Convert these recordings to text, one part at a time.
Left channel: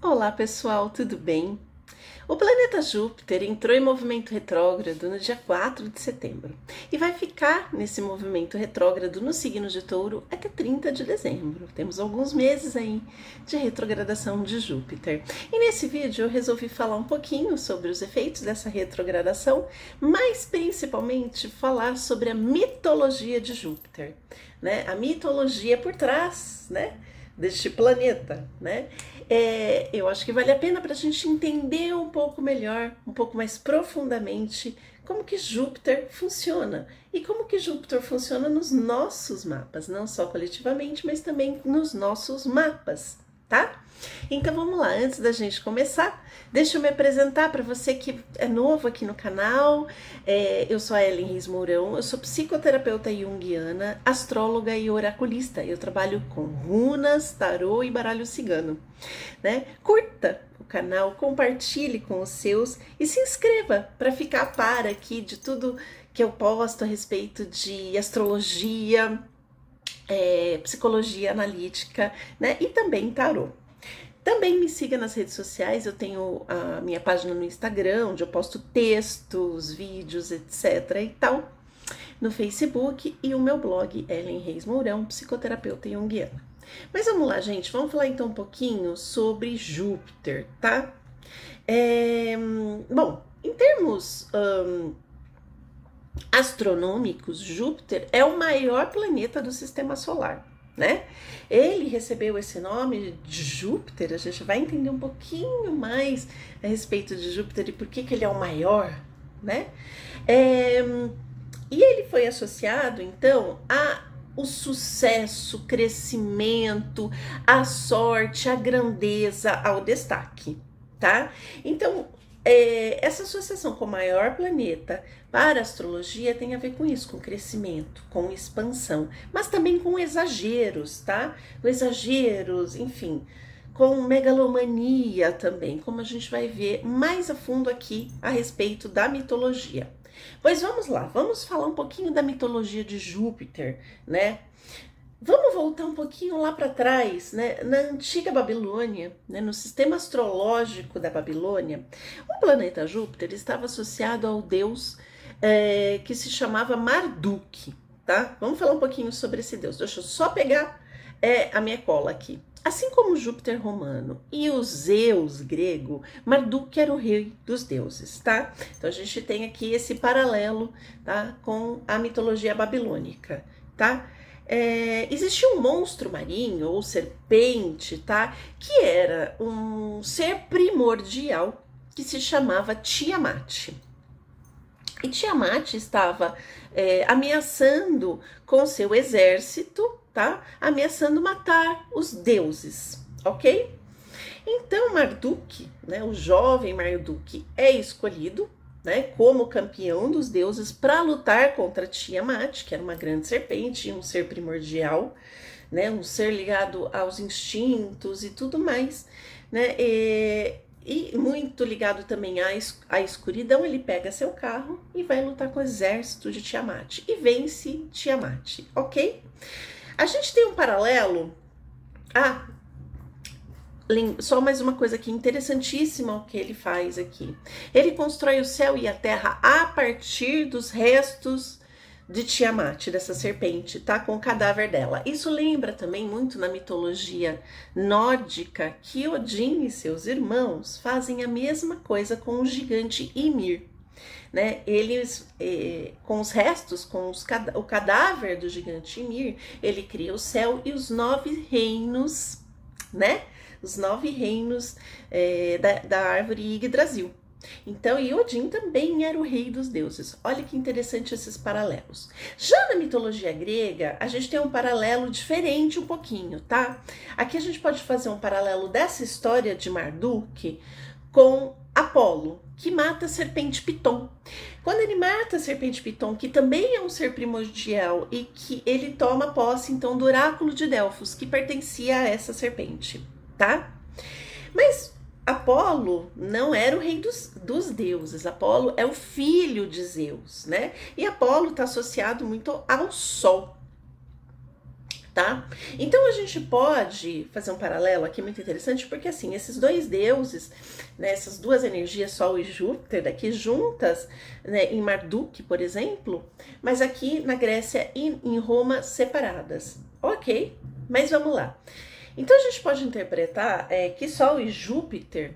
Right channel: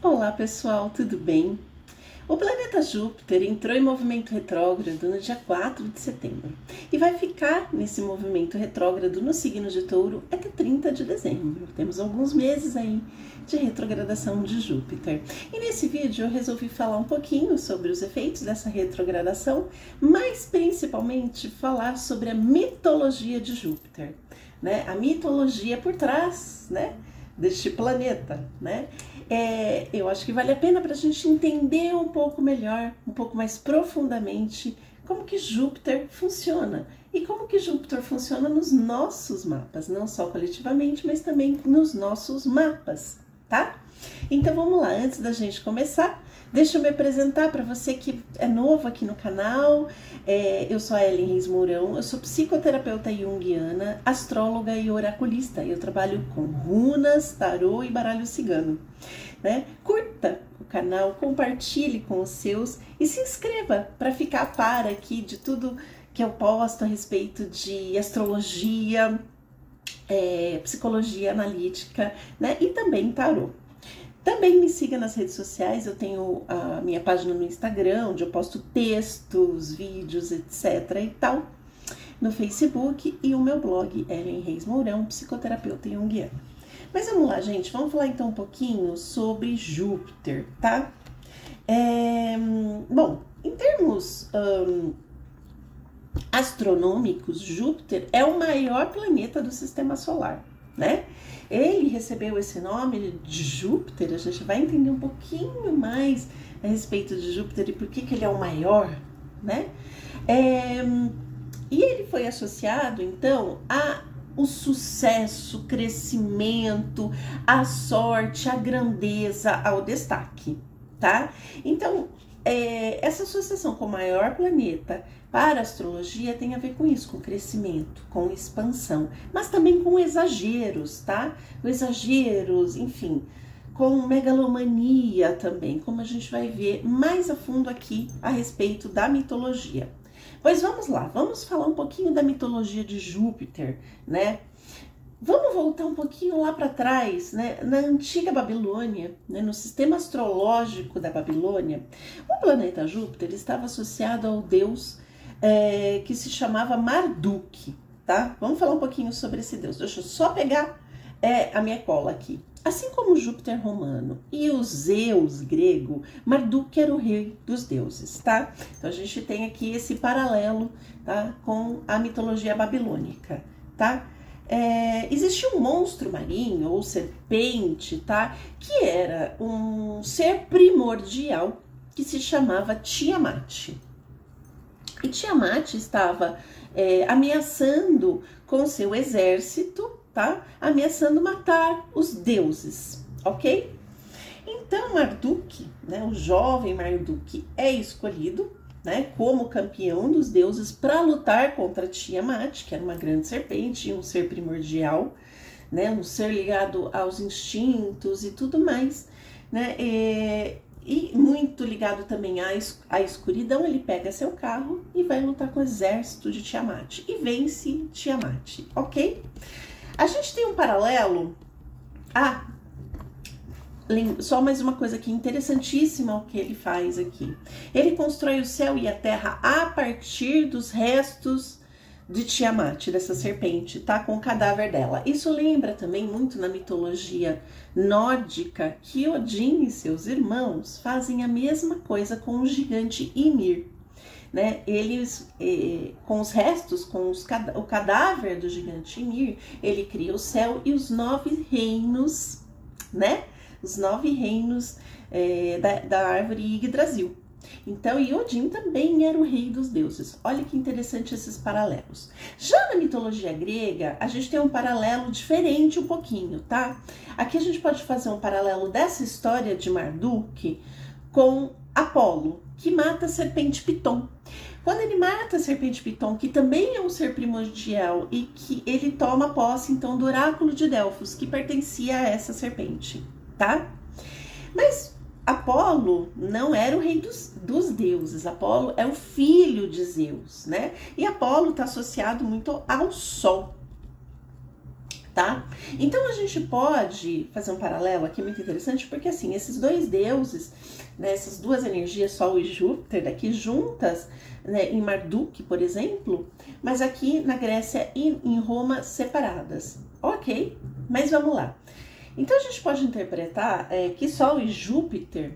Olá pessoal, tudo bem? O planeta Júpiter entrou em movimento retrógrado no dia 4 de setembro e vai ficar nesse movimento retrógrado no signo de Touro até 30 de dezembro. Temos alguns meses aí de retrogradação de Júpiter. E nesse vídeo eu resolvi falar um pouquinho sobre os efeitos dessa retrogradação, mas principalmente falar sobre a mitologia de Júpiter, né? A mitologia por trás, né, deste planeta, né? Eu acho que vale a pena para a gente entender um pouco melhor, um pouco mais profundamente, como que Júpiter funciona e como que Júpiter funciona nos nossos mapas, não só coletivamente, mas também nos nossos mapas, tá? Então vamos lá, antes da gente começar, deixa eu me apresentar para você que é novo aqui no canal. Eu sou a Ellen Reis Mourão, eu sou psicoterapeuta junguiana, astróloga e oraculista. Eu trabalho com runas, tarô e baralho cigano, né? Curta o canal, compartilhe com os seus e se inscreva para ficar a par aqui de tudo que eu posto a respeito de astrologia, psicologia analítica, né? E também tarô. Também me siga nas redes sociais, eu tenho a minha página no Instagram, onde eu posto textos, vídeos, etc. e tal, no Facebook, e o meu blog, Ellen Reis Mourão, psicoterapeuta junguiana. Mas vamos lá, gente, vamos falar então um pouquinho sobre Júpiter, tá? Bom, em termos astronômicos, Júpiter é o maior planeta do sistema solar, né? Ele recebeu esse nome de Júpiter, a gente vai entender um pouquinho mais a respeito de Júpiter e por que ele é o maior, né? E ele foi associado, então, ao sucesso, crescimento, a sorte, a grandeza, ao destaque, tá? Então, essa associação com o maior planeta para a astrologia tem a ver com isso, com crescimento, com expansão, mas também com exageros, tá? Com exageros, enfim, com megalomania também, como a gente vai ver mais a fundo aqui a respeito da mitologia. Pois vamos lá, vamos falar um pouquinho da mitologia de Júpiter, né? Vamos voltar um pouquinho lá para trás, né? Na antiga Babilônia, né? No sistema astrológico da Babilônia, o planeta Júpiter estava associado ao deus que se chamava Marduk, tá? Vamos falar um pouquinho sobre esse deus. Deixa eu só pegar a minha cola aqui. Assim como Júpiter romano e o Zeus grego, Marduk era o rei dos deuses, tá? Então a gente tem aqui esse paralelo, tá? Com a mitologia babilônica, tá? Existia um monstro marinho ou serpente, tá? Que era um ser primordial que se chamava Tiamat. E Tiamat estava ameaçando com seu exército, tá? Ameaçando matar os deuses, ok? Então Marduk, né, o jovem Marduk, é escolhido, né, como campeão dos deuses para lutar contra Tiamat, que era uma grande serpente, um ser primordial, né, um ser ligado aos instintos e tudo mais, né, e muito ligado também à escuridão. Ele pega seu carro e vai lutar com o exército de Tiamat e vence Tiamat, ok? A gente tem um paralelo só mais uma coisa aqui interessantíssima o que ele faz aqui. Ele constrói o céu e a terra a partir dos restos de Tiamat, dessa serpente, tá? Com o cadáver dela. Isso lembra também muito na mitologia nórdica que Odin e seus irmãos fazem a mesma coisa com o gigante Ymir, né? Eles, com os restos, o cadáver do gigante Ymir, ele cria o céu e os 9 reinos, né? Os 9 reinos da árvore Yggdrasil. Então, Odin também era o rei dos deuses. Olha que interessante esses paralelos. Já na mitologia grega, a gente tem um paralelo diferente um pouquinho, tá? Aqui a gente pode fazer um paralelo dessa história de Marduk com Apolo, que mata a serpente Piton. Quando ele mata a serpente Piton, que também é um ser primordial, e que ele toma posse, então, do oráculo de Delfos, que pertencia a essa serpente, tá? Mas Apolo não era o rei dos deuses. Apolo é o filho de Zeus, né? E Apolo está associado muito ao Sol, tá? Então a gente pode fazer um paralelo aqui muito interessante, porque assim, esses dois deuses, né, essas duas energias, Sol e Júpiter, aqui juntas, né, em Marduk, por exemplo, mas aqui na Grécia e em Roma separadas. Ok, mas vamos lá. Então a gente pode interpretar que Sol e Júpiter,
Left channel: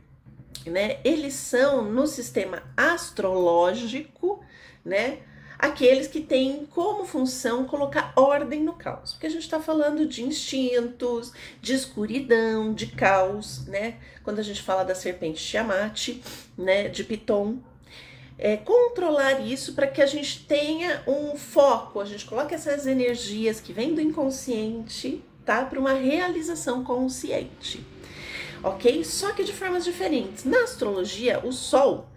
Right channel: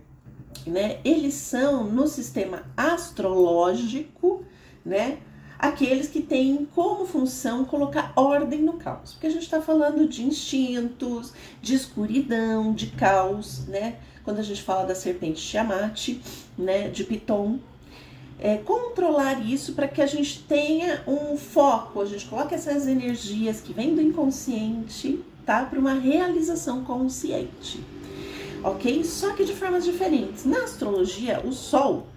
né, eles são no sistema astrológico, né, aqueles que têm como função colocar ordem no caos. Porque a gente está falando de instintos, de escuridão, de caos, né? Quando a gente fala da serpente Tiamat, né? De Piton. Controlar isso para que a gente tenha um foco, a gente coloca essas energias que vêm do inconsciente, tá? Para uma realização consciente. Ok? Só que de formas diferentes. Na astrologia, o Sol,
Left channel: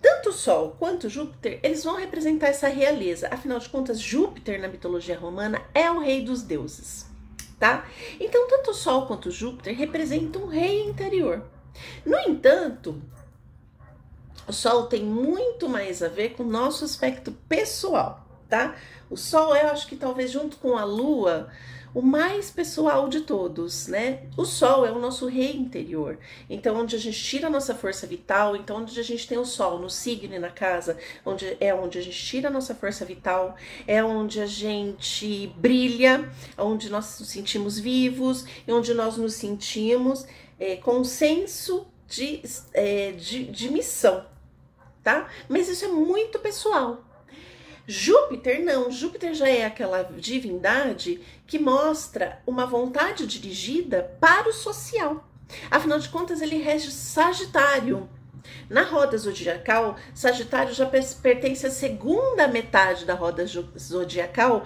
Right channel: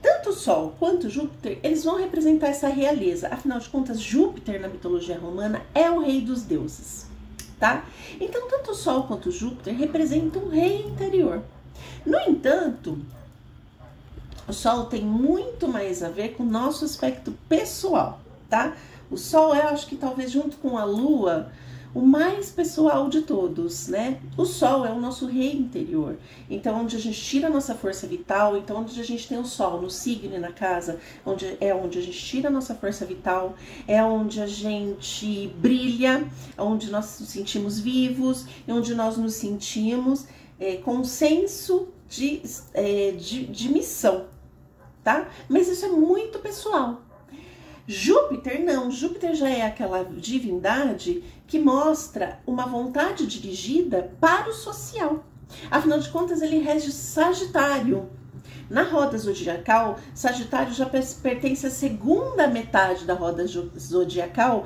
tanto o Sol quanto Júpiter, eles vão representar essa realeza. Afinal de contas, Júpiter na mitologia romana é o rei dos deuses, tá? Então, tanto o Sol quanto o Júpiter representam um rei interior. No entanto, o Sol tem muito mais a ver com o nosso aspecto pessoal, tá? O Sol eu acho que talvez junto com a Lua, o mais pessoal de todos, né? O Sol é o nosso rei interior. Então, onde a gente tira a nossa força vital, então onde a gente tem o Sol no signo e na casa, onde a gente tira a nossa força vital, é onde a gente brilha, onde nós nos sentimos vivos, e onde nós nos sentimos com um senso de missão, tá? Mas isso é muito pessoal. Júpiter não, Júpiter já é aquela divindade que mostra uma vontade dirigida para o social. Afinal de contas, ele rege Sagitário. Na roda zodiacal, Sagitário já pertence à segunda metade da roda zodiacal,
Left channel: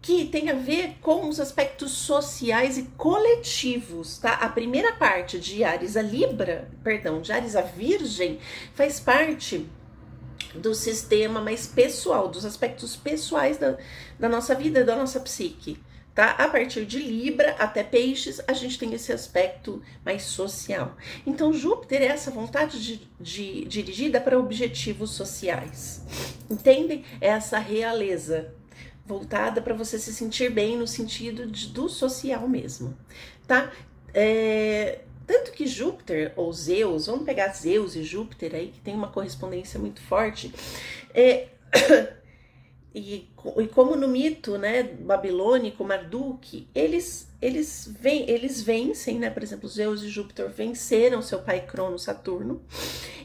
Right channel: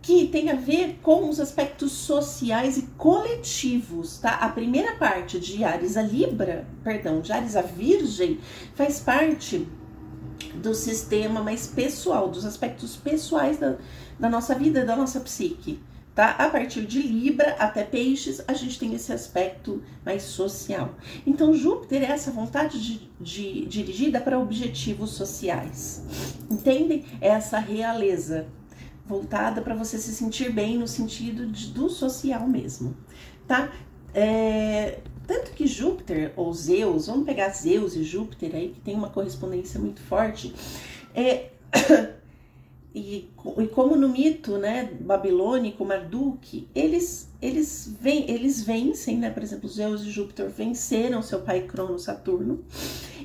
que tem a ver com os aspectos sociais e coletivos, tá? A primeira parte de Áries a Libra, perdão, de Áries a Virgem, faz parte do sistema mais pessoal, dos aspectos pessoais da nossa vida, da nossa psique, tá? A partir de Libra até Peixes, a gente tem esse aspecto mais social. Então, Júpiter é essa vontade dirigida para objetivos sociais, entendem? É essa realeza voltada para você se sentir bem no sentido do social mesmo, tá? Tanto que Júpiter, ou Zeus, vamos pegar Zeus e Júpiter aí, que tem uma correspondência muito forte, e como no mito, né, babilônico, Marduk, eles vencem, né, por exemplo, Zeus e Júpiter venceram seu pai Crono, Saturno,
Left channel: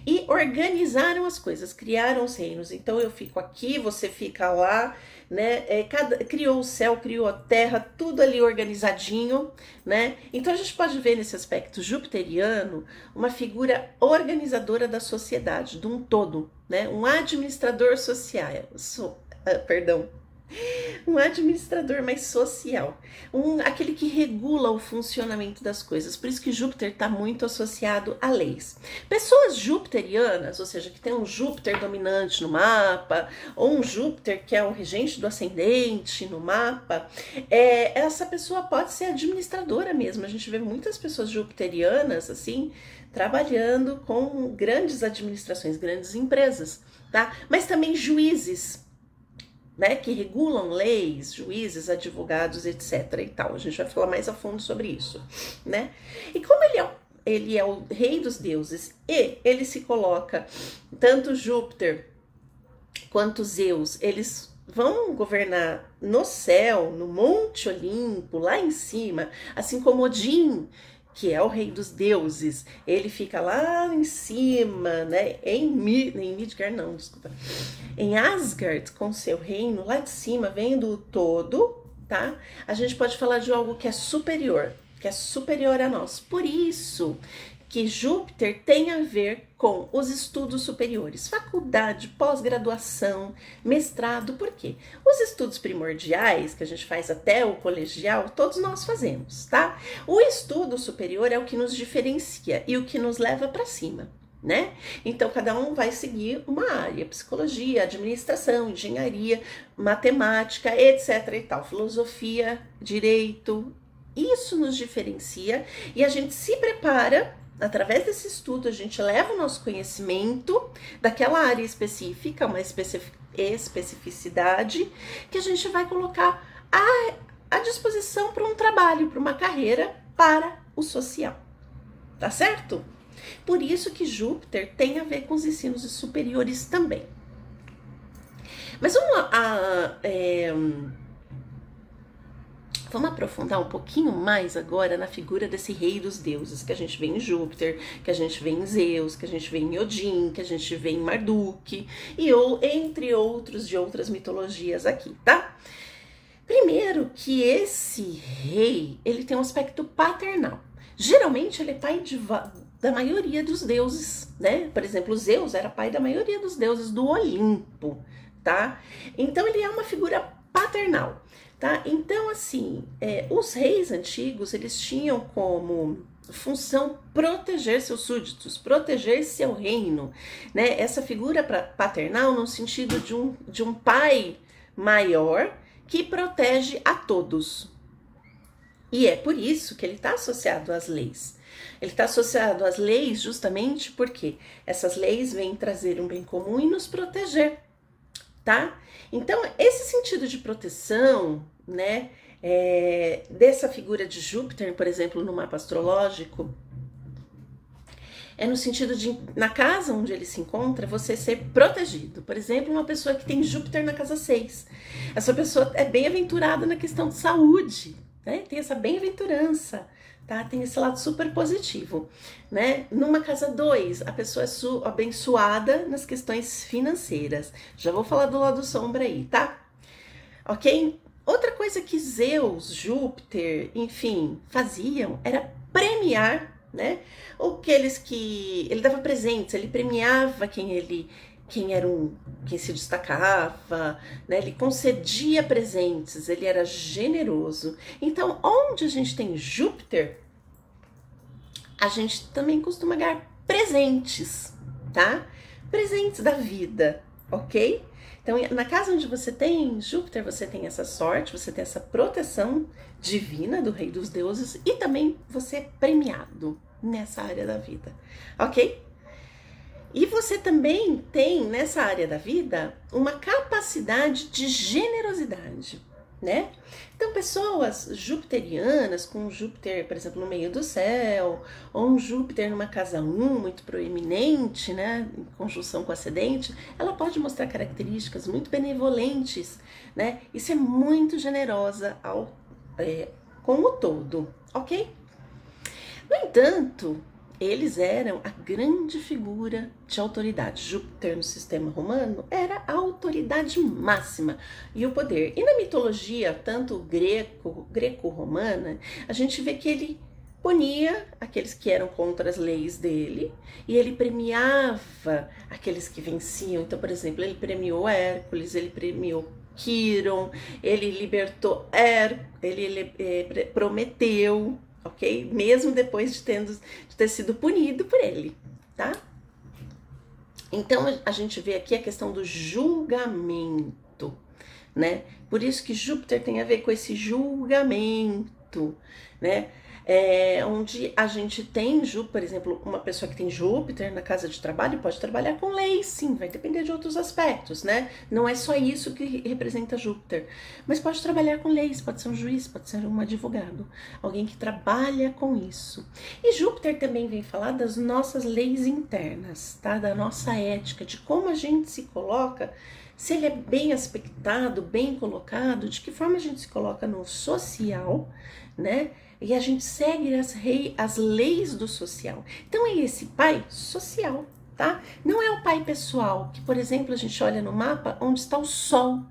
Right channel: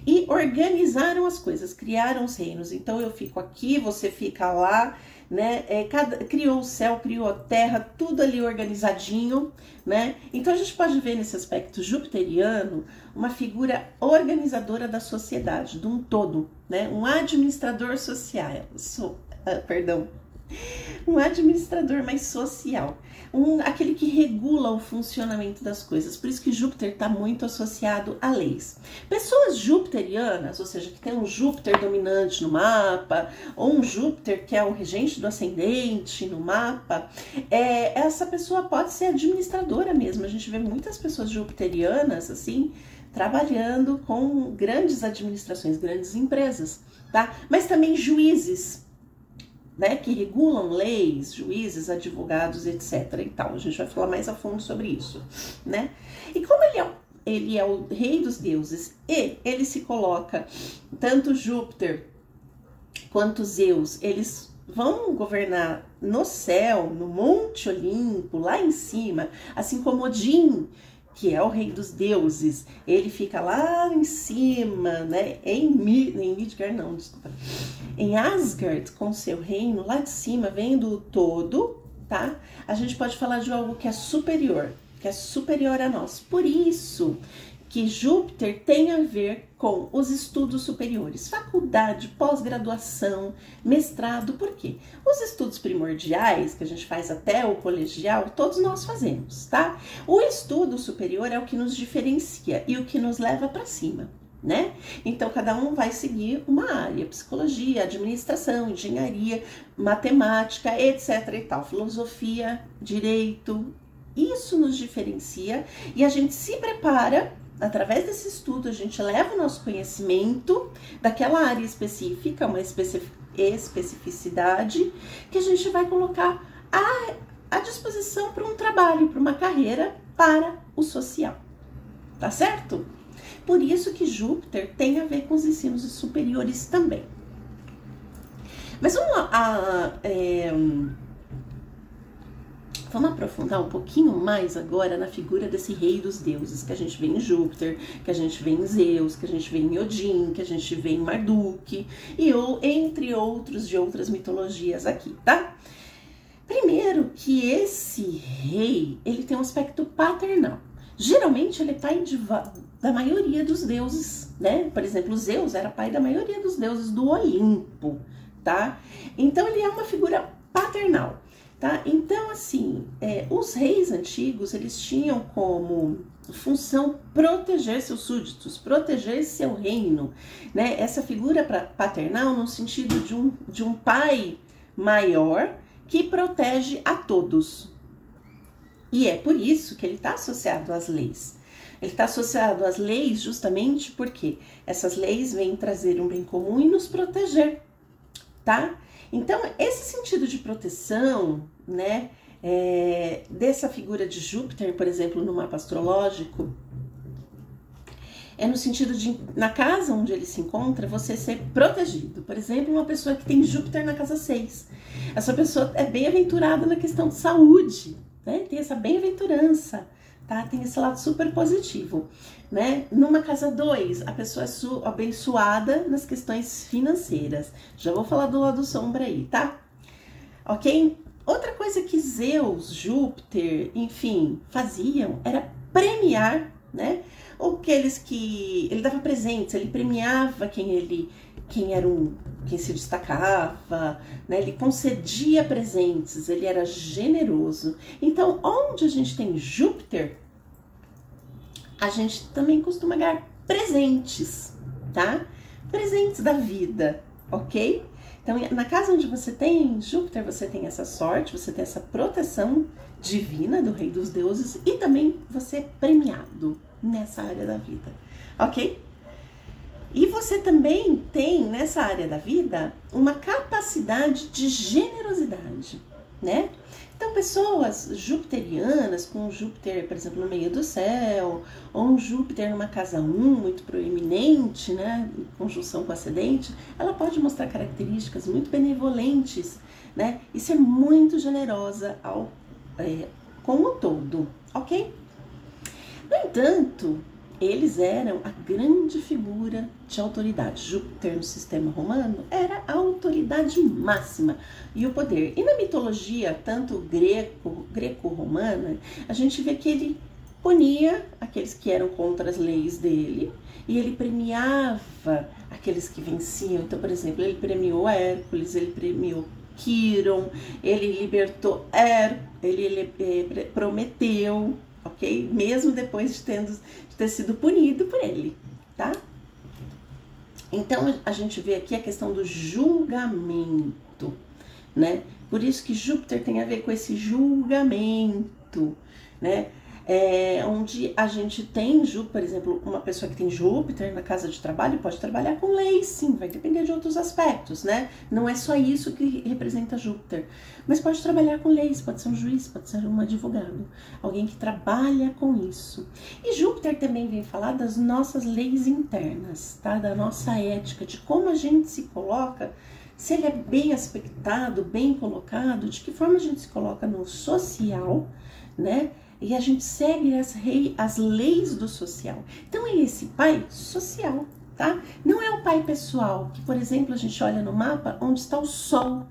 e organizaram as coisas, criaram os reinos. Então eu fico aqui, você fica lá, né? Criou o céu, criou a terra, tudo ali organizadinho, né? Então a gente pode ver nesse aspecto jupiteriano uma figura organizadora da sociedade, de um todo, né? Um administrador social, um administrador mais social, aquele que regula o funcionamento das coisas. Por isso que Júpiter está muito associado a leis. Pessoas jupiterianas, ou seja, que tem um Júpiter dominante no mapa, ou um Júpiter que é o regente do ascendente no mapa, essa pessoa pode ser administradora mesmo. A gente vê muitas pessoas jupiterianas, assim, trabalhando com grandes administrações, grandes empresas, tá? Mas também juízes, né, que regulam leis, juízes, advogados, etc. e tal. A gente vai falar mais a fundo sobre isso, né? E como ele é o rei dos deuses e ele se coloca, tanto Júpiter quanto Zeus, eles vão governar no céu, no Monte Olimpo, lá em cima, assim como Odin, que é o rei dos deuses, ele fica lá em cima, né, em Midgard, não, desculpa, em Asgard, com seu reino lá de cima, vendo o todo, tá? A gente pode falar de algo que é superior a nós. Por isso que Júpiter tem a ver com os estudos superiores, faculdade, pós-graduação, mestrado. Por quê? Os estudos primordiais, que a gente faz até o colegial, todos nós fazemos, tá? O estudo superior é o que nos diferencia e o que nos leva para cima, né? Então, cada um vai seguir uma área, psicologia, administração, engenharia, matemática, etc e tal, filosofia, direito. Isso nos diferencia e a gente se prepara. Através desse estudo, a gente leva o nosso conhecimento daquela área específica, uma especificidade, que a gente vai colocar à disposição para um trabalho, para uma carreira, para o social. Tá certo? Por isso que Júpiter tem a ver com os ensinos superiores também. Mas vamos aprofundar um pouquinho mais agora na figura desse rei dos deuses, que a gente vê em Júpiter, que a gente vê em Zeus, que a gente vê em Odin, que a gente vê em Marduk, entre outros de outras mitologias aqui, tá? Primeiro que esse rei, ele tem um aspecto paternal. Geralmente ele é pai da maioria dos deuses, né? Por exemplo, Zeus era pai da maioria dos deuses do Olimpo, tá? Então ele é uma figura paternal, tá? Então, assim, os reis antigos, eles tinham como função proteger seus súditos, proteger seu reino, né? Essa figura paternal no sentido de um pai maior que protege a todos. E é por isso que ele está associado às leis. Ele está associado às leis justamente porque essas leis vêm trazer um bem comum e nos proteger, tá? Então, esse sentido de proteção, né, dessa figura de Júpiter, por exemplo, no mapa astrológico, é no sentido de, na casa onde ele se encontra, você ser protegido. Por exemplo, uma pessoa que tem Júpiter na casa 6. Essa pessoa é bem-aventurada na questão de saúde, né? Tem essa bem-aventurança, tá? Tem esse lado super positivo, né? Numa casa 2, a pessoa é abençoada nas questões financeiras. Já vou falar do lado sombra aí, tá? Ok? Outra coisa que Zeus, Júpiter, enfim, faziam era premiar, né? Aqueles que ele dava presentes, ele premiava quem se destacava, né? Ele concedia presentes, ele era generoso. Então, onde a gente tem Júpiter, a gente também costuma ganhar presentes, tá? Presentes da vida, ok? Então, na casa onde você tem Júpiter, você tem essa sorte, você tem essa proteção divina do rei dos deuses e também você é premiado nessa área da vida, ok? E você também tem nessa área da vida uma capacidade de generosidade, né? Então, pessoas jupiterianas, com Júpiter, por exemplo, no meio do céu, ou um Júpiter numa casa 1, muito proeminente, né, em conjunção com o ascendente, ela pode mostrar características muito benevolentes, né, e ser muito generosa com o todo, ok? No entanto, eles eram a grande figura de autoridade. Júpiter no sistema romano era a autoridade máxima e o poder. E na mitologia, tanto greco-romana, a gente vê que ele punia aqueles que eram contra as leis dele e ele premiava aqueles que venciam. Então, por exemplo, ele premiou Hércules, ele premiou Quiron, ele libertou ele Prometeu, ok? Mesmo depois de ter sido punido por ele, tá? Então, a gente vê aqui a questão do julgamento, né? Por isso que Júpiter tem a ver com esse julgamento, né? Onde a gente tem, por exemplo, uma pessoa que tem Júpiter na casa de trabalho pode trabalhar com leis, sim, vai depender de outros aspectos, né? Não é só isso que representa Júpiter, mas pode trabalhar com leis, pode ser um juiz, pode ser um advogado, alguém que trabalha com isso. E Júpiter também vem falar das nossas leis internas, tá? Da nossa ética, de como a gente se coloca, se ele é bem aspectado, bem colocado, de que forma a gente se coloca no social, né? E a gente segue as leis do social. Então, é esse pai social, tá? Não é o pai pessoal, que, por exemplo, a gente olha no mapa onde está o Sol,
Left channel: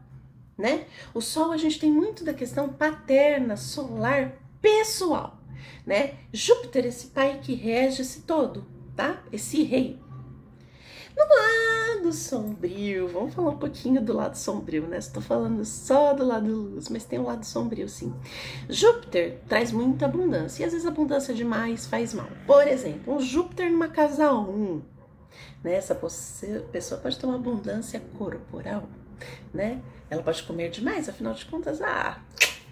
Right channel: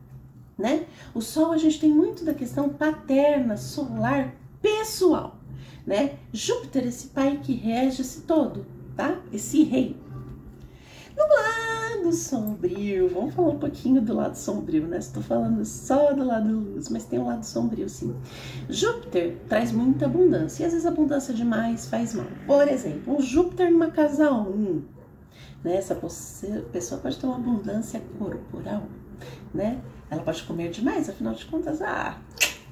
né? O Sol, a gente tem muito da questão paterna, solar, pessoal, né? Júpiter, esse pai que rege esse todo, tá? Esse rei. No lado sombrio, vamos falar um pouquinho do lado sombrio, né? Estou falando só do lado luz, mas tem um lado sombrio, sim. Júpiter traz muita abundância, e às vezes a abundância demais faz mal. Por exemplo, um Júpiter numa casa 1, né? Essa pessoa pode ter uma abundância corporal, né? Ela pode comer demais, afinal de contas,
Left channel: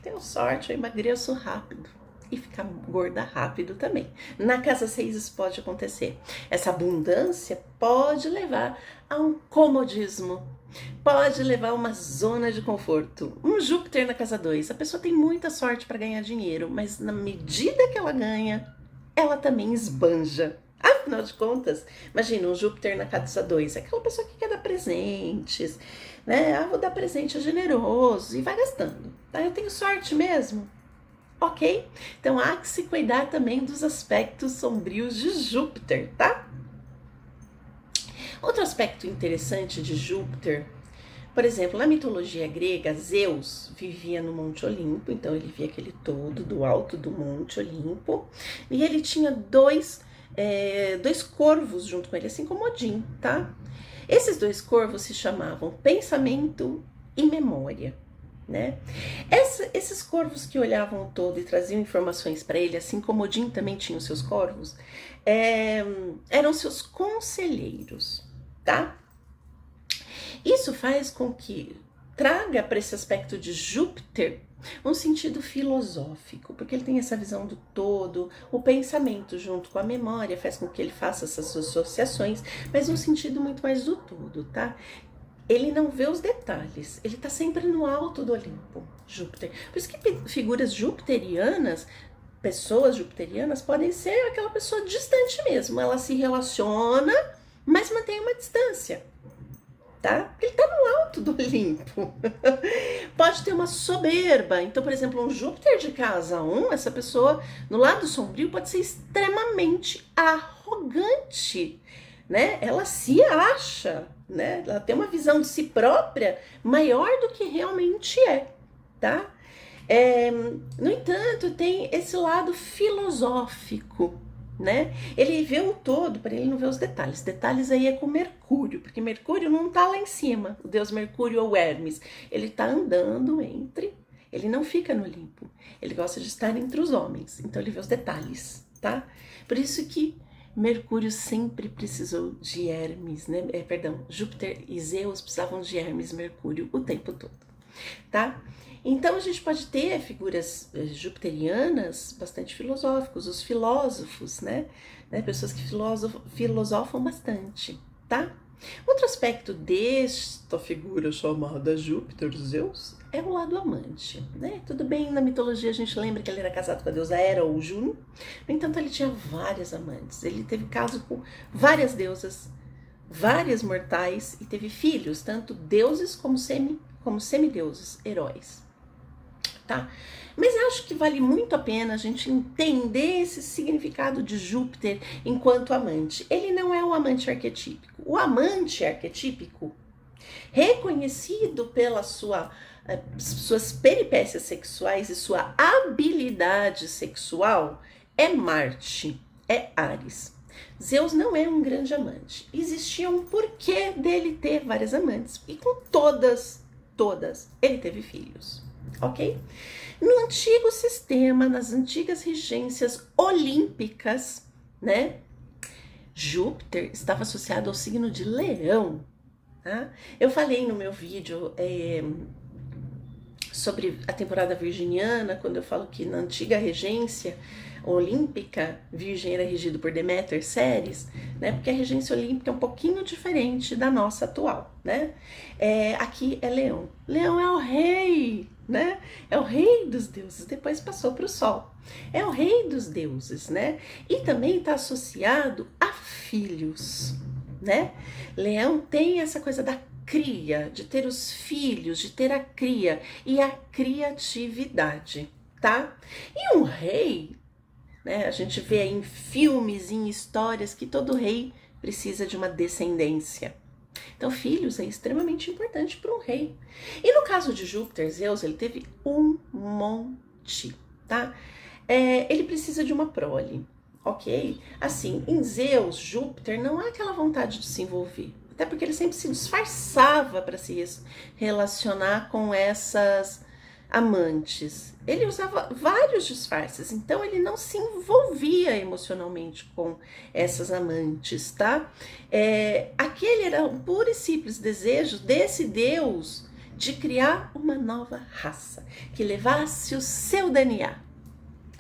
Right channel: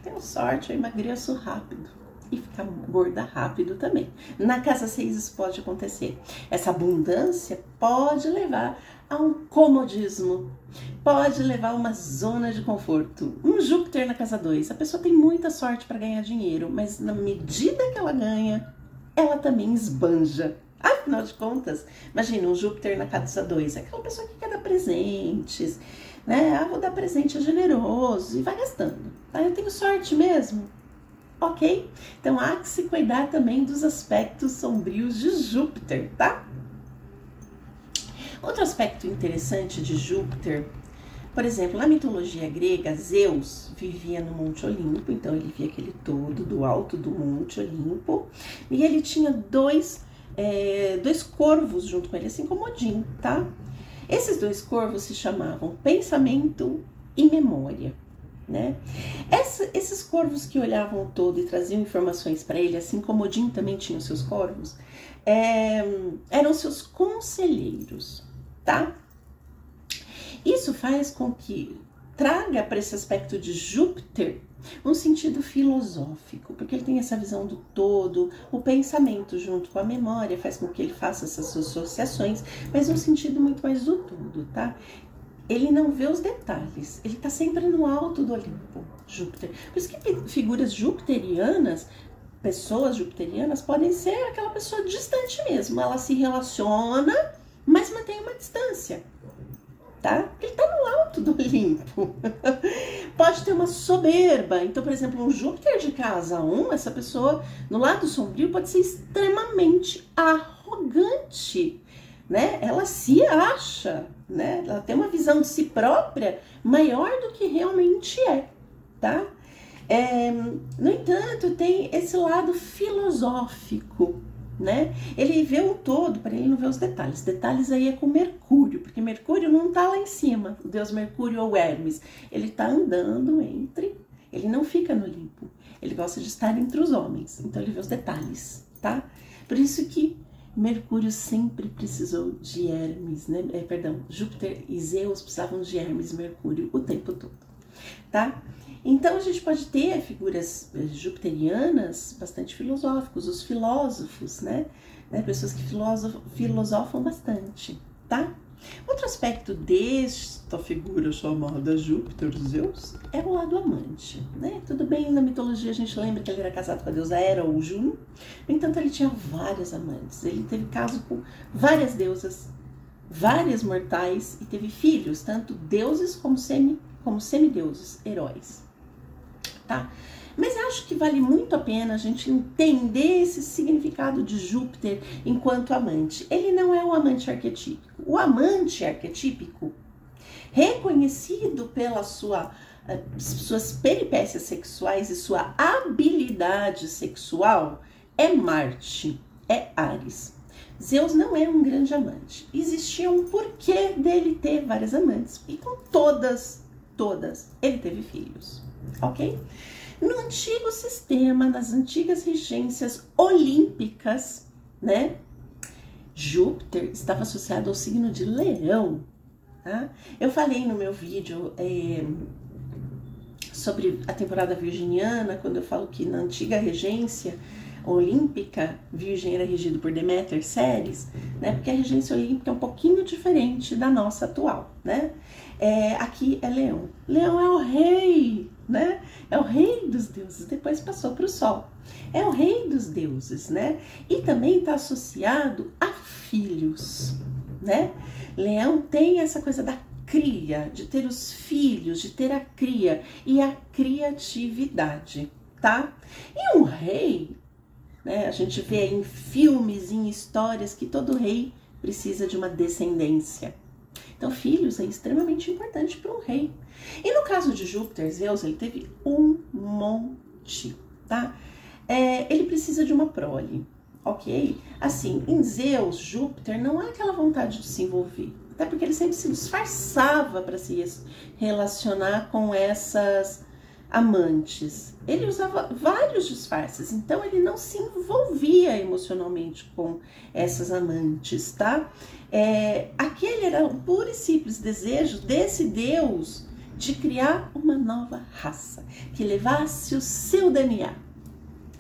tenho sorte, eu emagreço rápido, e ficar gorda rápido também. Na casa 6 isso pode acontecer. Essa abundância pode levar a um comodismo, pode levar a uma zona de conforto. Um Júpiter na casa 2, a pessoa tem muita sorte para ganhar dinheiro, mas na medida que ela ganha, ela também esbanja. Afinal de contas, imagina um Júpiter na casa 2, é aquela pessoa que quer dar presentes, né? Ah, vou dar presente, é generoso e vai gastando. Ah, eu tenho sorte mesmo. Ok? Então há que se cuidar também dos aspectos sombrios de Júpiter, tá? Outro aspecto interessante de Júpiter, por exemplo, na mitologia grega, Zeus vivia no Monte Olimpo, então ele via aquele todo do alto do Monte Olimpo, e ele tinha dois corvos junto com ele, assim como Odin, tá? Esses dois corvos se chamavam Pensamento e Memória, né? Esses corvos que olhavam o todo e traziam informações para ele, assim como Odin também tinha os seus corvos, eram seus conselheiros, tá? Isso faz com que traga para esse aspecto de Júpiter um sentido filosófico, porque ele tem essa visão do todo, o pensamento junto com a memória faz com que ele faça essas associações, mas um sentido muito mais do todo, tá? Ele não vê os detalhes, ele tá sempre no alto do Olimpo, Júpiter. Por isso que figuras jupiterianas, pessoas jupiterianas, podem ser aquela pessoa distante mesmo, ela se relaciona, mas mantém uma distância. Tá? Porque ele tá no alto do Olimpo. Pode ter uma soberba. Então, por exemplo, um Júpiter de casa 1, essa pessoa no lado sombrio pode ser extremamente arrogante, né? Ela se acha, né? Ela tem uma visão de si própria maior do que realmente é, tá? No entanto, tem esse lado filosófico, né? Ele vê o todo, para ele não ver os detalhes. Detalhes aí é com Mercúrio, porque Mercúrio não tá lá em cima, o deus Mercúrio ou Hermes. Ele tá andando ele não fica no Olimpo. Ele gosta de estar entre os homens, então ele vê os detalhes, tá? Por isso que Mercúrio sempre precisou de Hermes, né? Júpiter e Zeus precisavam de Hermes e Mercúrio o tempo todo, tá? Então, a gente pode ter figuras jupiterianas bastante filosóficos, os filósofos, né? Pessoas que filosofam bastante, tá? Outro aspecto desta figura chamada Júpiter, Zeus, é o lado amante, né? Tudo bem, na mitologia a gente lembra que ele era casado com a deusa Hera ou Juno, no entanto, ele tinha várias amantes. Ele teve caso com várias deusas, várias mortais, e teve filhos, tanto deuses como semideuses, heróis. Tá? Mas acho que vale muito a pena a gente entender esse significado de Júpiter enquanto amante. Ele não é o amante arquetípico. O amante arquetípico, reconhecido pelas suas peripécias sexuais e sua habilidade sexual, é Marte, é Áries. Zeus não é um grande amante. Existia um porquê dele ter várias amantes. E com todas, ele teve filhos. Ok? No antigo sistema, nas antigas regências olímpicas, né? Júpiter estava associado ao signo de Leão, tá? Eu falei no meu vídeo sobre a temporada virginiana, quando eu falo que na antiga regência olímpica, Virgem era regido por Deméter, Ceres, né? Porque a regência olímpica é um pouquinho diferente da nossa atual, né? Aqui é Leão. Leão é o rei, né? É o rei dos deuses, depois passou para o Sol. É o rei dos deuses, né? E também está associado a filhos, né? Leão tem essa coisa da cria, de ter os filhos, de ter a cria e a criatividade, tá? E um rei, né? A gente vê em filmes, em histórias, que todo rei precisa de uma descendência. Então, filhos é extremamente importante para um rei. E no caso de Júpiter, Zeus, ele teve um monte, tá? Ele precisa de uma prole, ok? Assim, em Zeus, Júpiter, não há aquela vontade de se envolver. Até porque ele sempre se disfarçava para se relacionar com essas amantes. Ele usava vários disfarces, então ele não se envolvia emocionalmente com essas amantes, tá? Aquele era o puro e simples desejo desse Deus de criar uma nova raça, que levasse o seu DNA,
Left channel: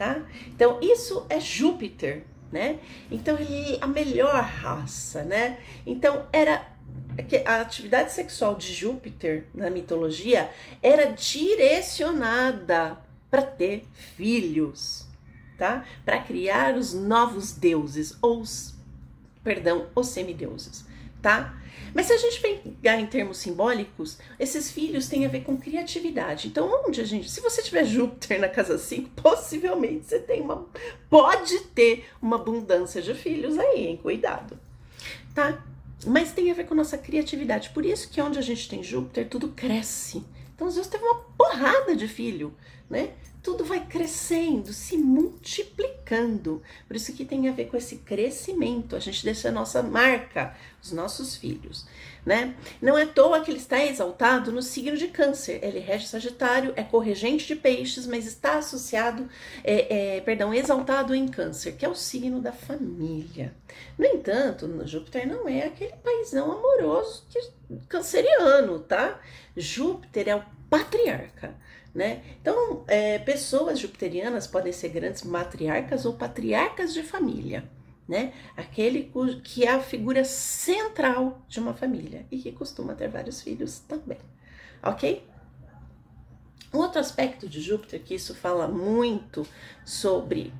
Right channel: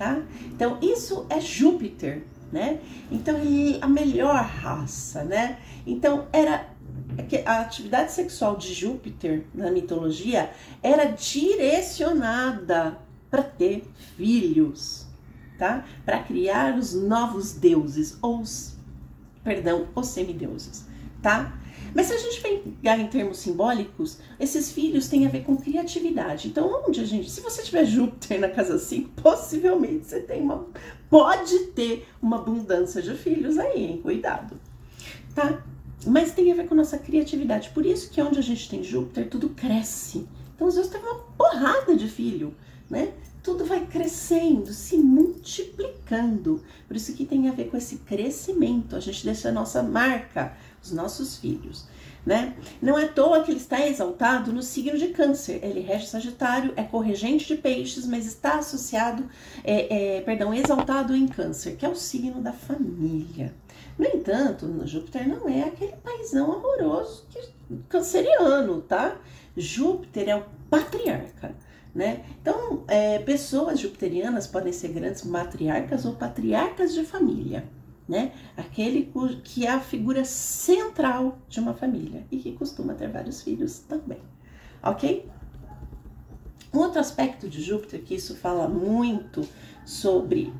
tá? Então, isso é Júpiter, né? Então, ele é a melhor raça, né? Então, a atividade sexual de Júpiter na mitologia era direcionada para ter filhos, tá? Para criar os novos deuses, os semideuses, tá? Mas se a gente pegar em termos simbólicos, esses filhos têm a ver com criatividade. Então, se você tiver Júpiter na casa 5, possivelmente você pode ter uma abundância de filhos aí, hein? Cuidado, tá? Mas tem a ver com nossa criatividade. Por isso que onde a gente tem Júpiter, tudo cresce. Então, às vezes, teve uma porrada de filho, né? Tudo vai crescendo, se multiplicando. Por isso que tem a ver com esse crescimento. A gente deixa a nossa marca, os nossos filhos, né? Não é à toa que ele está exaltado no signo de Câncer. Ele rege Sagitário, é corregente de Peixes, mas está associado, exaltado em Câncer, que é o signo da família. No entanto, Júpiter não é aquele paizão amoroso canceriano, tá? Júpiter é o patriarca, né? Então, pessoas jupiterianas podem ser grandes matriarcas ou patriarcas de família, né? Aquele que é a figura central de uma família e que costuma ter vários filhos também, ok? Um outro aspecto de Júpiter, que isso fala muito sobre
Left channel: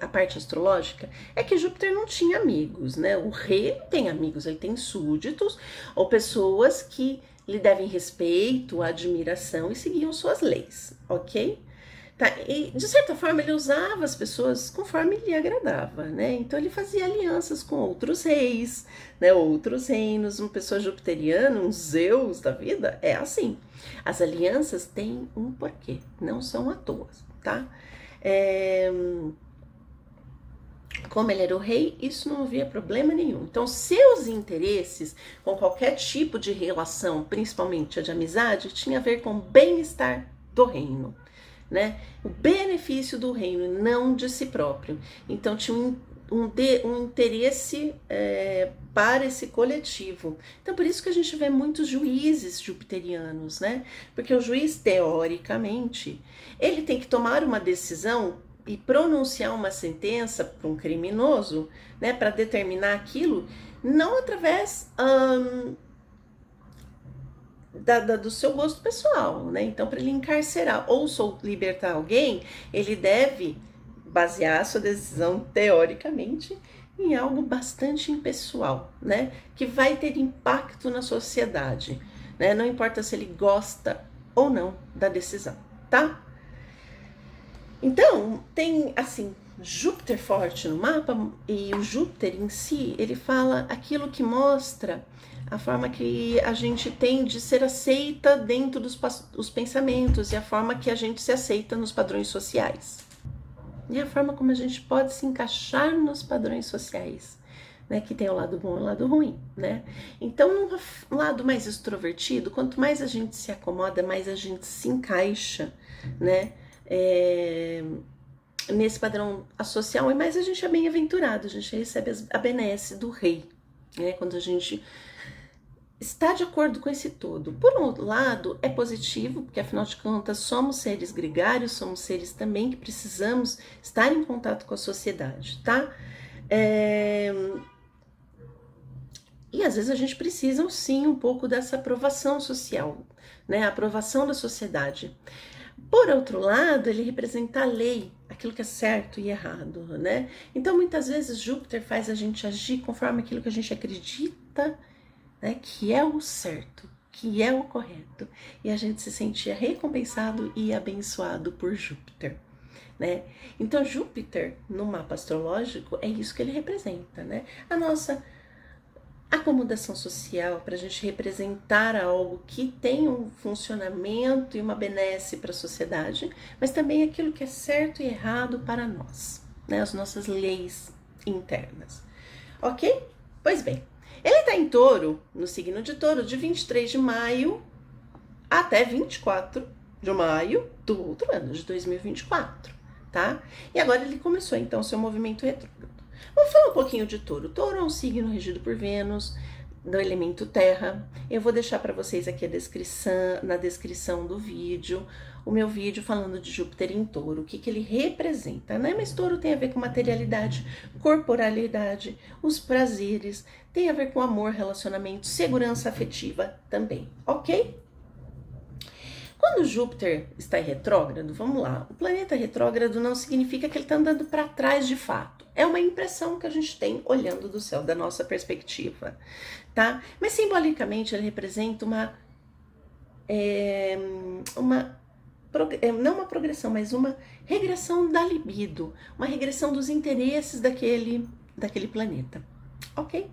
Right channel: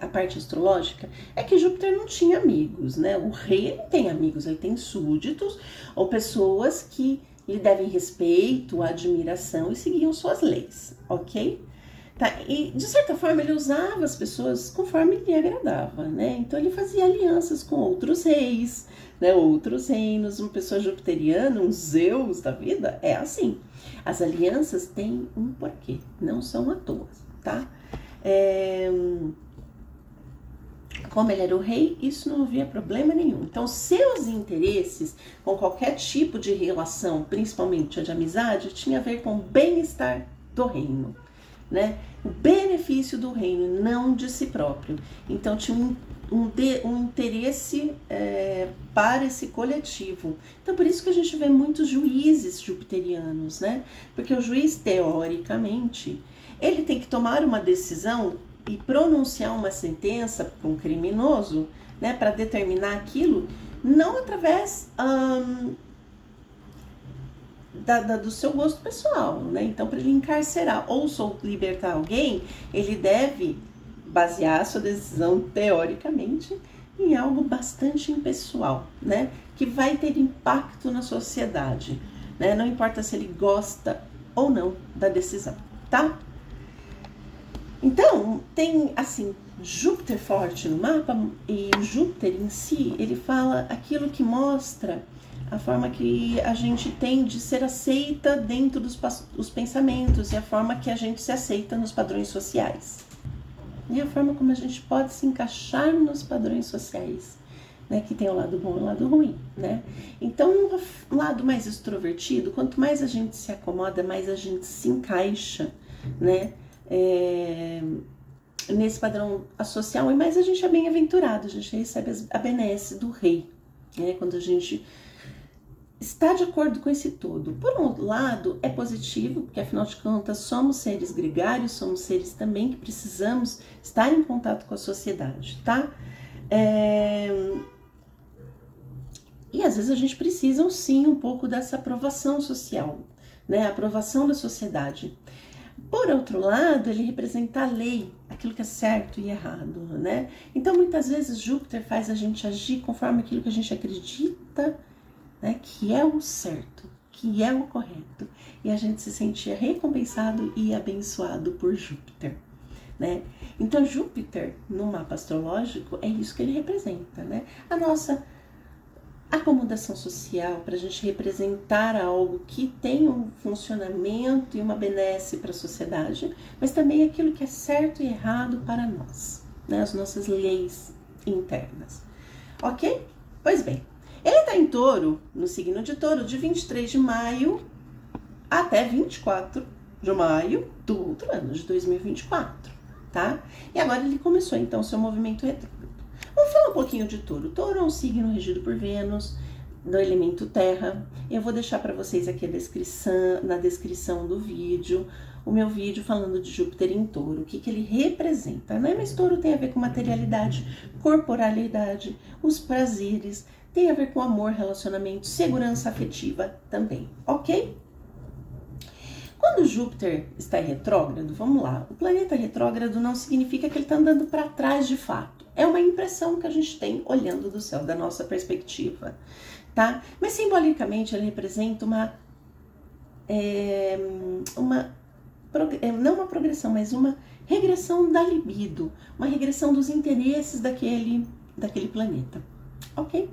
a parte astrológica, é que Júpiter não tinha amigos, né? O rei não tem amigos, ele tem súditos ou pessoas que lhe devem respeito, admiração e seguiam suas leis, ok? Tá? E, de certa forma, ele usava as pessoas conforme lhe agradava, né? Então, ele fazia alianças com outros reis, né? Outros reinos. Uma pessoa jupiteriana, um Zeus da vida, é assim. As alianças têm um porquê, não são à toa, tá? Como ele era o rei, isso não havia problema nenhum. Então, seus interesses com qualquer tipo de relação, principalmente a de amizade, tinha a ver com o bem-estar do reino, né? O benefício do reino, não de si próprio. Então, tinha um interesse para esse coletivo. Então, por isso que a gente vê muitos juízes jupiterianos, né? Porque o juiz, teoricamente, ele tem que tomar uma decisão e pronunciar uma sentença para um criminoso, né, para determinar aquilo, não através do seu gosto pessoal, né? Então, para ele encarcerar ou libertar alguém, ele deve basear a sua decisão, teoricamente, em algo bastante impessoal, né? Que vai ter impacto na sociedade, né? Não importa se ele gosta ou não da decisão, tá? Então, tem, assim, Júpiter forte no mapa, e o Júpiter em si, ele fala aquilo que mostra a forma que a gente tem de ser aceita dentro dos pensamentos e a forma que a gente se aceita nos padrões sociais. E a forma como a gente pode se encaixar nos padrões sociais, né? Que tem o lado bom e o lado ruim, né? Então, um lado mais extrovertido, quanto mais a gente se acomoda, mais a gente se encaixa, né? Nesse padrão social, e mais a gente é bem-aventurado, a gente recebe a benesse do rei, né? Quando a gente está de acordo com esse todo. Por um outro lado, é positivo, porque afinal de contas somos seres gregários, somos seres também que precisamos estar em contato com a sociedade, tá? E às vezes a gente precisa sim um pouco dessa aprovação social, né? A aprovação da sociedade. Por outro lado, ele representa a lei, aquilo que é certo e errado, né? Então, muitas vezes, Júpiter faz a gente agir conforme aquilo que a gente acredita, né, que é o certo, que é o correto. E a gente se sentia recompensado e abençoado por Júpiter, né? Então, Júpiter, no mapa astrológico, é isso que ele representa, né? A nossa acomodação social, para a gente representar algo que tem um funcionamento e uma benesse para a sociedade, mas também aquilo que é certo e errado para nós, né? As nossas leis internas, ok? Pois bem, ele está em Touro, no signo de Touro, de 23 de maio até 24 de maio do outro ano, de 2024, tá? E agora ele começou, então, seu movimento retrógrado. Vamos falar um pouquinho de Touro. Touro é um signo regido por Vênus, do elemento terra. Eu vou deixar para vocês aqui na descrição do vídeo o meu vídeo falando de Júpiter em Touro, o que ele representa, né? Mas Touro tem a ver com materialidade, corporalidade, os prazeres, tem a ver com amor, relacionamento, segurança afetiva também, ok? Quando Júpiter está em retrógrado, vamos lá, o planeta retrógrado não significa que ele está andando para trás de fato. É uma impressão que a gente tem olhando do céu, da nossa perspectiva, tá? Mas simbolicamente ele representa não uma progressão, mas uma regressão da libido, uma regressão dos interesses daquele planeta, ok?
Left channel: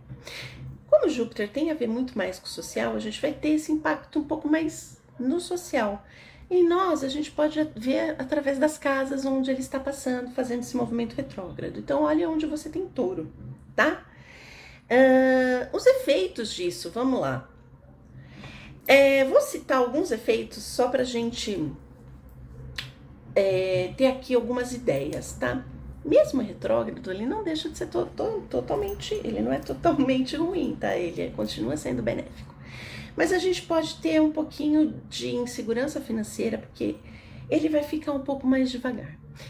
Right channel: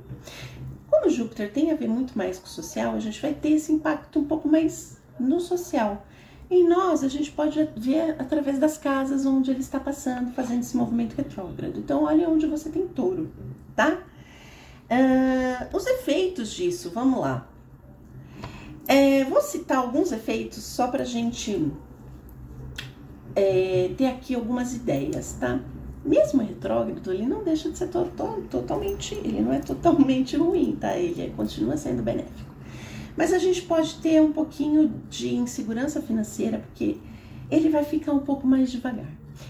Como Júpiter tem a ver muito mais com o social, a gente vai ter esse impacto um pouco mais no social. Em nós, a gente pode ver através das casas onde ele está passando, fazendo esse movimento retrógrado. Então, olha onde você tem Touro, tá? Os efeitos disso, vamos lá. Vou citar alguns efeitos só pra gente ter aqui algumas ideias, tá? Mesmo retrógrado, ele não deixa de ser totalmente, ele não é totalmente ruim, tá? Ele continua sendo benéfico. Mas a gente pode ter um pouquinho de insegurança financeira, porque ele vai ficar um pouco mais devagar.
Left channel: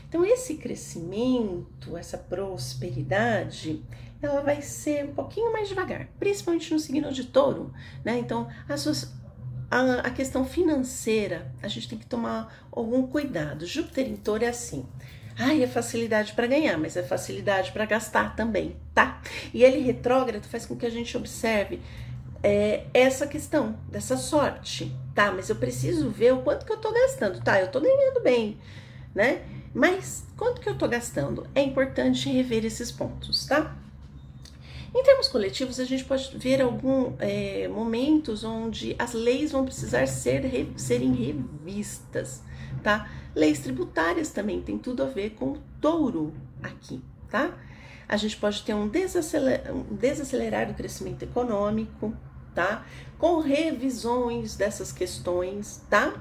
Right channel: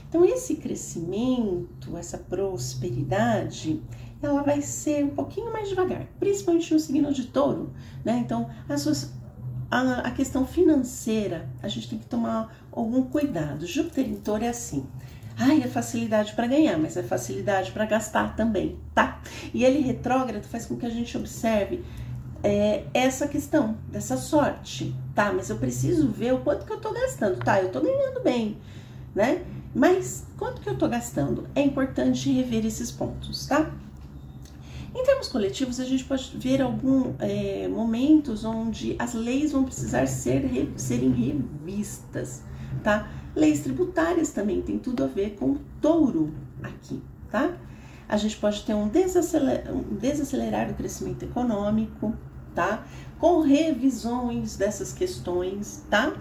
Então, esse crescimento, essa prosperidade, ela vai ser um pouquinho mais devagar, principalmente no signo de Touro, né? Então, a questão financeira, a gente tem que tomar algum cuidado. Júpiter em Touro é assim. É facilidade para ganhar, mas é facilidade para gastar também, tá? E ele retrógrado faz com que a gente observe essa questão dessa sorte, tá? Mas eu preciso ver o quanto que eu tô gastando, tá? Eu tô ganhando bem, né? Mas quanto que eu tô gastando? É importante rever esses pontos, tá? Em termos coletivos, a gente pode ver alguns momentos onde as leis vão precisar serem revistas, tá? Leis tributárias também tem tudo a ver com Touro aqui, tá? A gente pode ter um desacelerar do crescimento econômico, tá? Com revisões dessas questões, tá?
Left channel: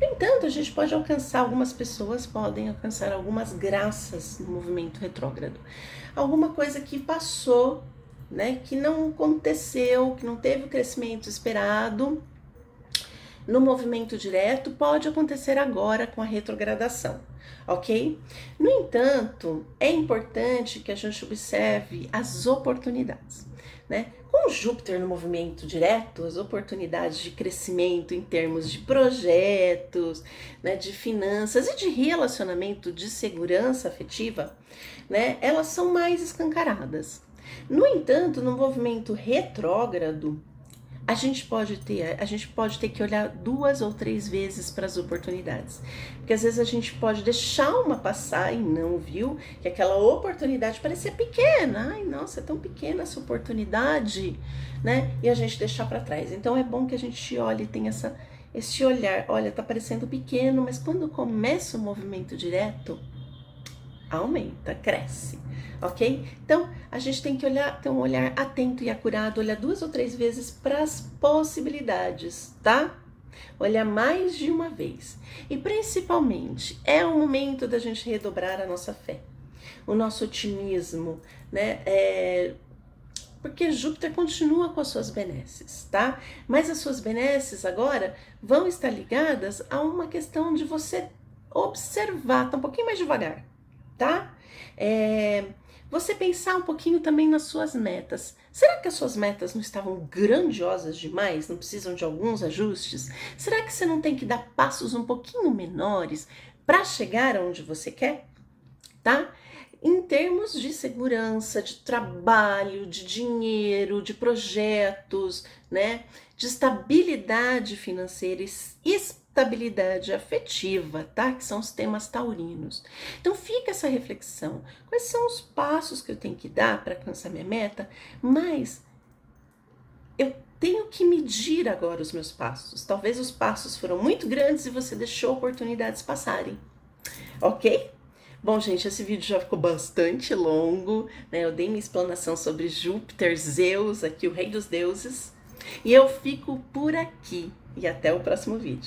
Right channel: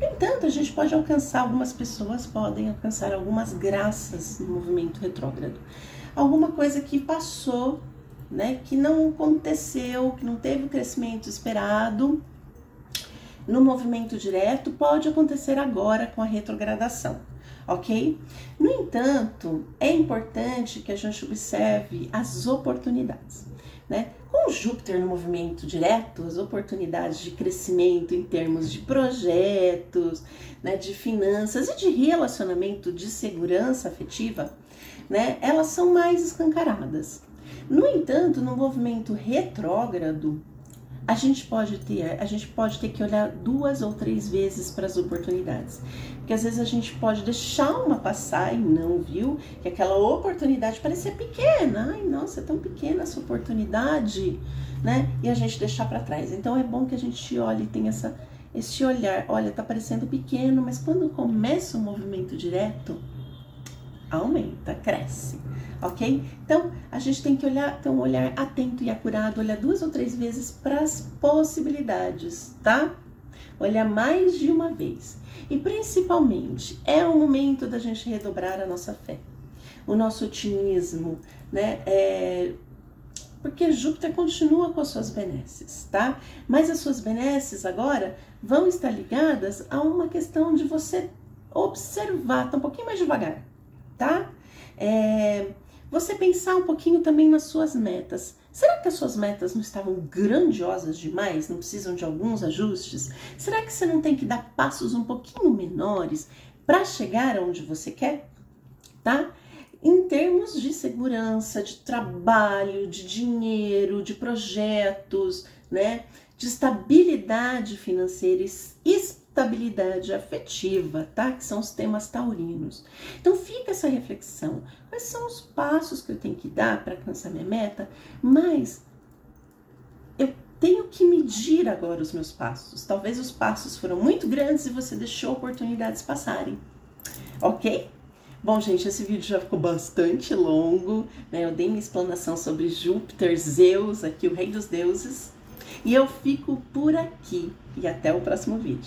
No entanto, a gente pode alcançar, algumas pessoas podem alcançar algumas graças no movimento retrógrado. Alguma coisa que passou, né? Que não aconteceu, que não teve o crescimento esperado no movimento direto, pode acontecer agora com a retrogradação, ok? No entanto, é importante que a gente observe as oportunidades, né? Com Júpiter no movimento direto, as oportunidades de crescimento em termos de projetos, né, de finanças e de relacionamento, de segurança afetiva, né, elas são mais escancaradas. No entanto, no movimento retrógrado, a gente pode ter que olhar 2 ou 3 vezes para as oportunidades. Porque às vezes a gente pode deixar uma passar e não viu que aquela oportunidade parecia pequena. Ai, nossa, é tão pequena essa oportunidade, né? E a gente deixar para trás. Então é bom que a gente olhe e tenha esse olhar. Olha, tá parecendo pequeno, mas quando começa o movimento direto, aumenta, cresce, ok? Então, a gente tem que ter um olhar atento e acurado, olhar 2 ou 3 vezes para as possibilidades, tá? Olhar mais de uma vez. E, principalmente, é o momento da gente redobrar a nossa fé, o nosso otimismo, né? Porque Júpiter continua com as suas benesses, tá? Mas as suas benesses agora vão estar ligadas a uma questão de você observar, tá um pouquinho mais devagar, tá? Você pensar um pouquinho também nas suas metas. Será que as suas metas não estavam grandiosas demais? Não precisam de alguns ajustes? Será que você não tem que dar passos um pouquinho menores para chegar aonde você quer? Tá? Em termos de segurança, de trabalho, de dinheiro, de projetos, né? De estabilidade financeira e estabilidade afetiva, tá? Que são os temas taurinos. Então fica essa reflexão. Quais são os passos que eu tenho que dar para alcançar minha meta? Mas eu tenho que medir agora os meus passos. Talvez os passos foram muito grandes e você deixou oportunidades passarem. Ok? Bom, gente, esse vídeo já ficou bastante longo, né? Eu dei minha explanação sobre Júpiter, Zeus, aqui o rei dos deuses. E eu fico por aqui. E até o próximo vídeo.